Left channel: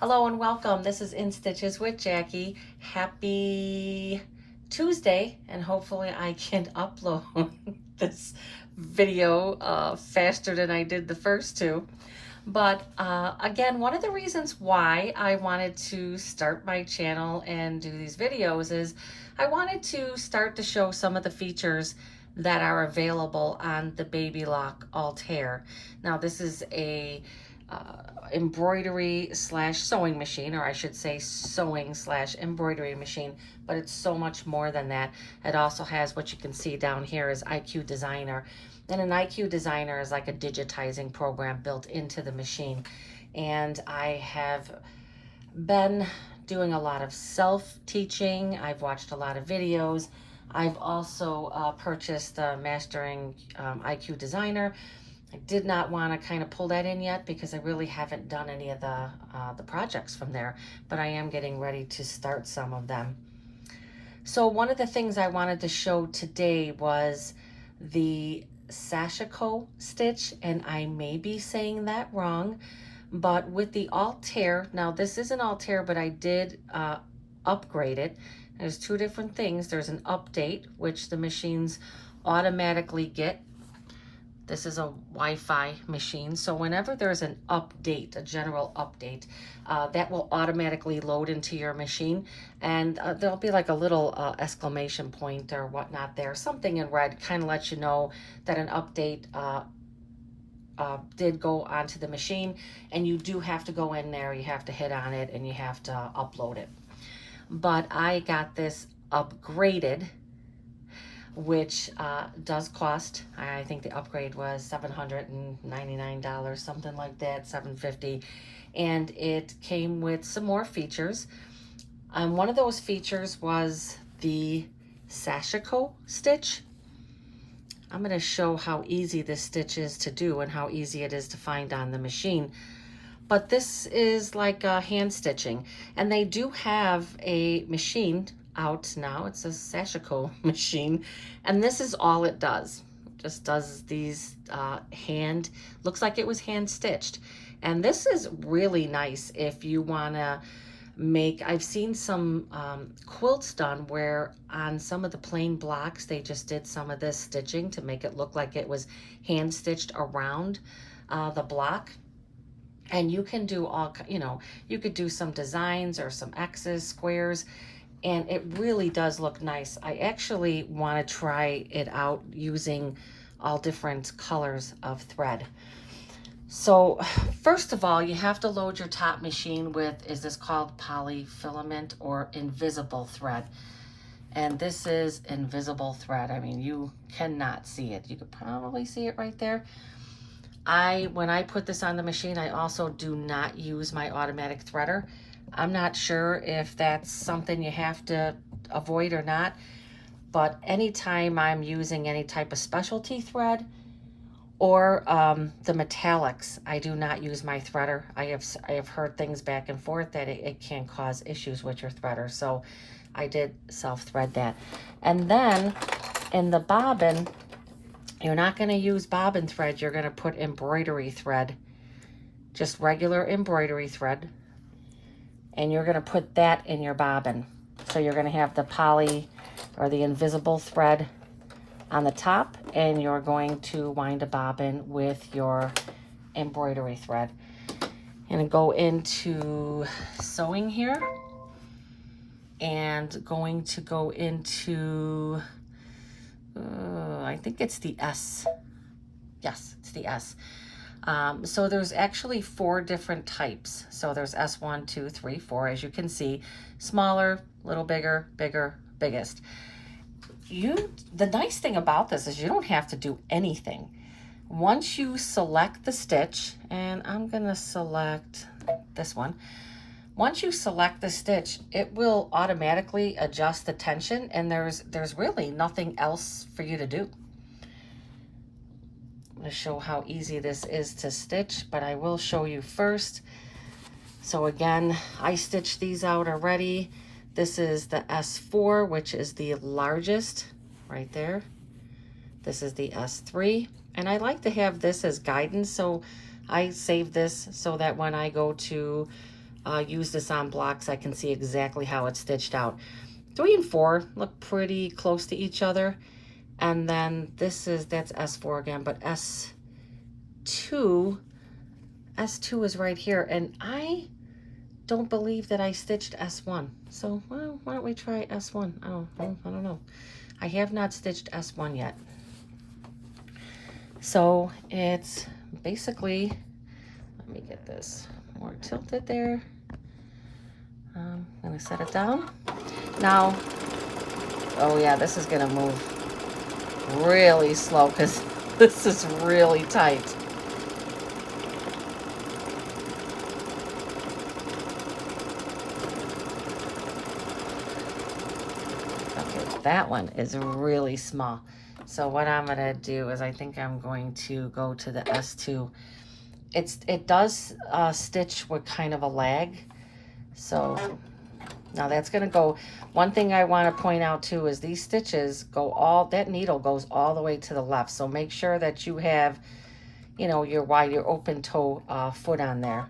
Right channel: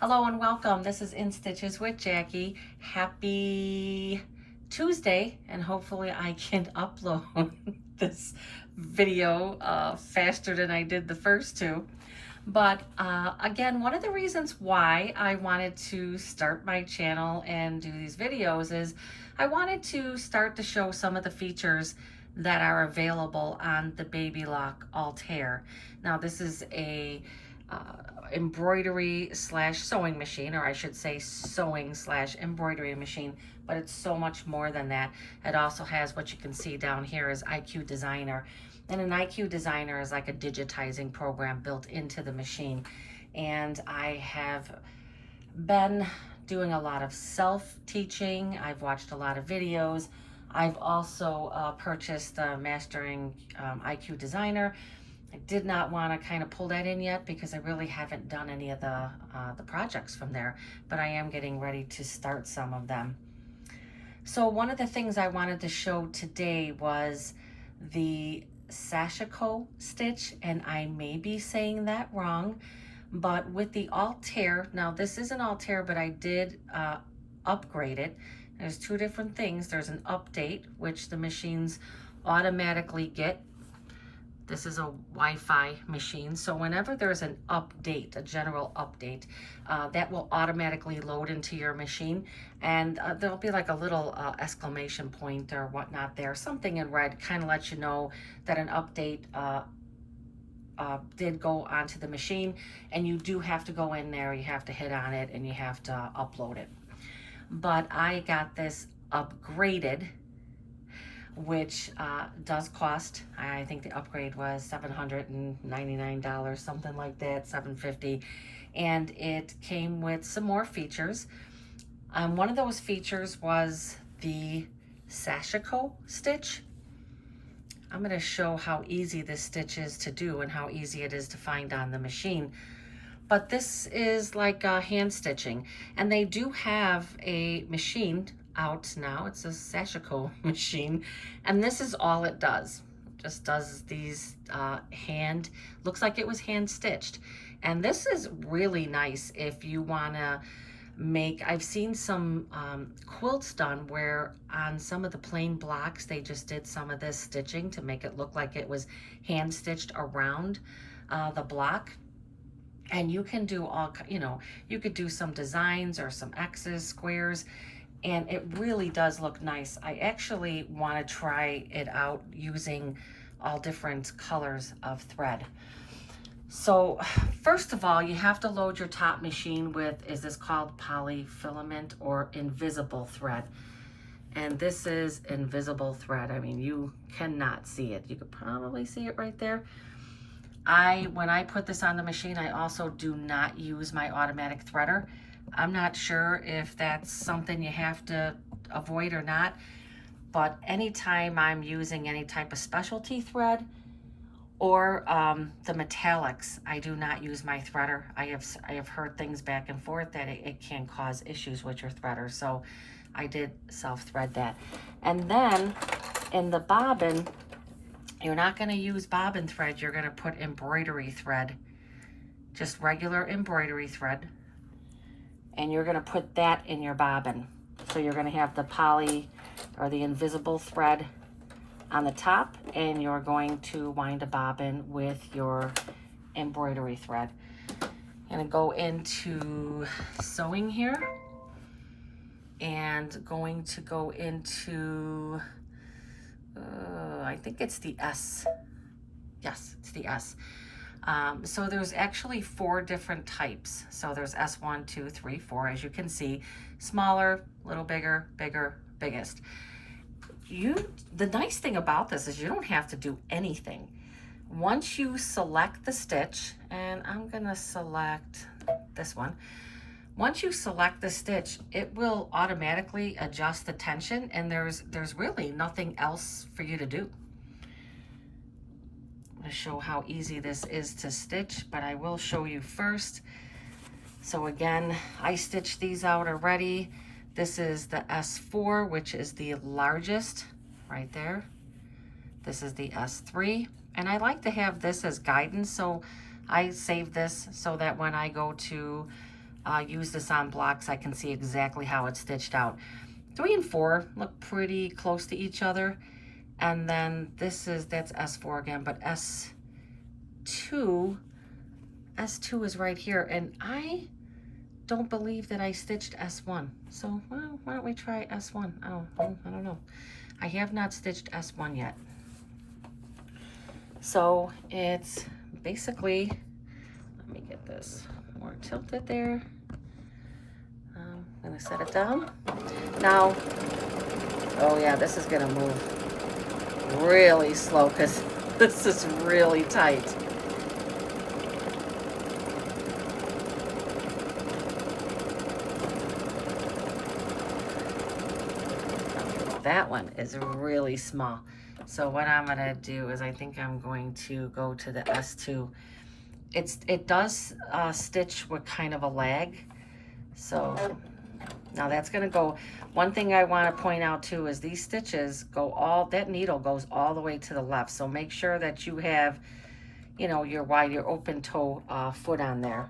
Hello and welcome. This is In Stitches with Jackie. Happy Tuesday, and hopefully I can upload this video faster than I did the first two. But again, one of the reasons why I wanted to start my channel and do these videos is I wanted to start to show some of the features that are available on the Babylock Altair. Now, this is a embroidery slash sewing machine, or I should say sewing slash embroidery machine, but it's so much more than that. It also has what you can see down here is IQ Designer. And an IQ Designer is like a digitizing program built into the machine. And I have been doing a lot of self-teaching. I've watched a lot of videos. I've also purchased the Mastering IQ Designer. I did not want to kind of pull that in yet because I really haven't done any of the projects from there, but I am getting ready to start some of them. So one of the things I wanted to show today was the Sashiko stitch, and I may be saying that wrong, but with the Altair, now this is an Altair, but I did upgrade it. There's two different things. There's an update, which the machines automatically get. This is a Wi-Fi machine, so whenever there's an update, a general update, that will automatically load into your machine, and there'll be like a little exclamation point or whatnot there, something in red, kind of lets you know that an update did go onto the machine, and you do have to go in there, you have to hit on it, and you have to upload it. But I got this upgraded, which does cost, I think the upgrade was $799, something like that, $750, and it came with some more features. One of those features was the Sashiko stitch. I'm going to show how easy this stitch is to do and how easy it is to find on the machine. But this is like hand stitching, and they do have a machine out now. It's a Sashiko machine, and this is all it does. It just does these hand, looks like it was hand stitched. And this is really nice if you want to make, I've seen some quilts done where on some of the plain blocks they just did some of this stitching to make it look like it was hand stitched around the block. And you can do all, you could do some designs or some X's, squares, and it really does look nice. I actually want to try it out using all different colors of thread. So first of all, you have to load your top machine with, is this called polyfilament or invisible thread? And this is invisible thread. I mean, you cannot see it. You could probably see it right there. When I put this on the machine, I also do not use my automatic threader. I'm not sure if that's something you have to avoid or not, but anytime I'm using any type of specialty thread or the metallics, I do not use my threader. I have heard things back and forth that it can cause issues with your threader, so I did self-thread that. And then in the bobbin, you're not going to use bobbin thread, you're going to put embroidery thread, just regular embroidery thread, and you're going to put that in your bobbin. So you're going to have the poly or the invisible thread on the top, and you're going to wind a bobbin with your embroidery thread. I'm going to go into sewing here, and going to go into I think it's the S. Yes, it's the S. So there's actually 4 different types. So there's S1, 2, 3, 4, as you can see. Smaller, little bigger, bigger, biggest. The nice thing about this is you don't have to do anything. Once you select the stitch, and I'm gonna select this one. Once you select the stitch, it will automatically adjust the tension, and there's really nothing else for you to do. I'm going to show how easy this is to stitch, but I will show you first. So again, I stitched these out already. This is the S4, which is the largest right there. This is the S3, and I like to have this as guidance, so I save this so that when I go to use this on blocks, I can see exactly how it's stitched out. 3 and 4 look pretty close to each other. And then that's S4 again, but S2 is right here. And I don't believe that I stitched S1. So, well, why don't we try S1? I don't know. I have not stitched S1 yet. So it's basically, let me get this more tilted there. I'm gonna set it down. Now, oh yeah, this is gonna move really slow because this is really tight. That one is really small. So what I'm gonna do is I think I'm going to go to the S2. It does stitch with kind of a lag. So now that's gonna go. One thing I want to point out too is these stitches go that needle goes all the way to the left. So make sure that you have, you know, your open toe foot on there.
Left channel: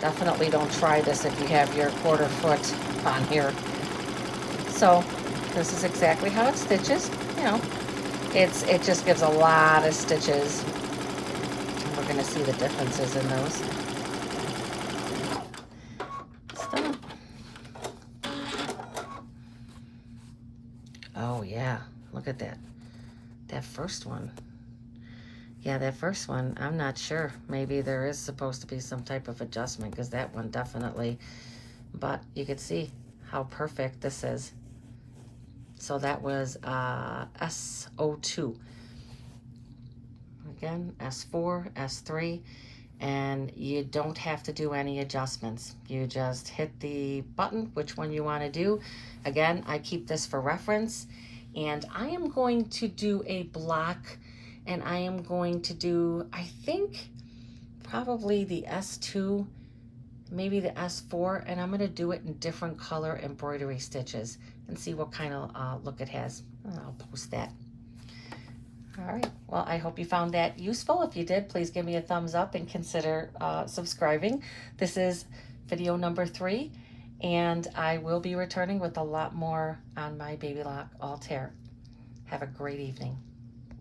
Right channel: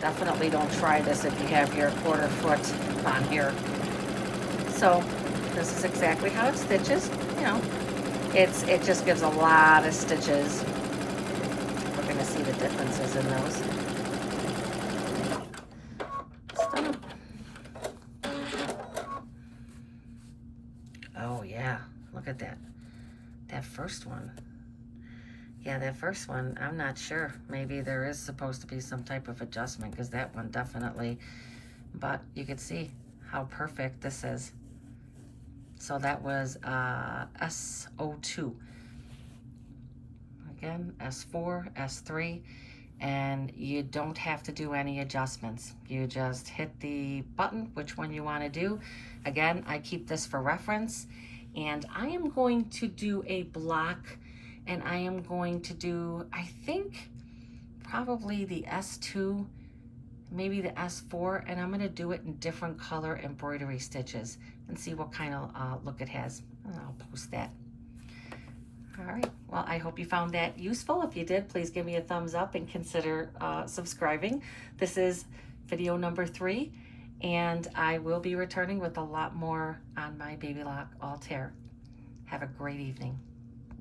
Definitely don't try this if you have your quarter foot on here. So this is exactly how it stitches. You know, it just gives a lot of stitches. You're gonna see the differences in those. Oh yeah, look at that. That first one. Yeah, that first one, I'm not sure. Maybe there is supposed to be some type of adjustment because that one definitely, but you can see how perfect this is. So that was S02. Again, S4, S3, and you don't have to do any adjustments. You just hit the button, which one you want to do. Again, I keep this for reference, and I am going to do a block, and I am going to do, I think, probably the S2, maybe the S4, and I'm going to do it in different color embroidery stitches and see what kind of look it has. And I'll post that. All right, well, I hope you found that useful. If you did, please give me a thumbs up and consider subscribing. This is video number 3, and I will be returning with a lot more on my Babylock Altair. Have a great evening.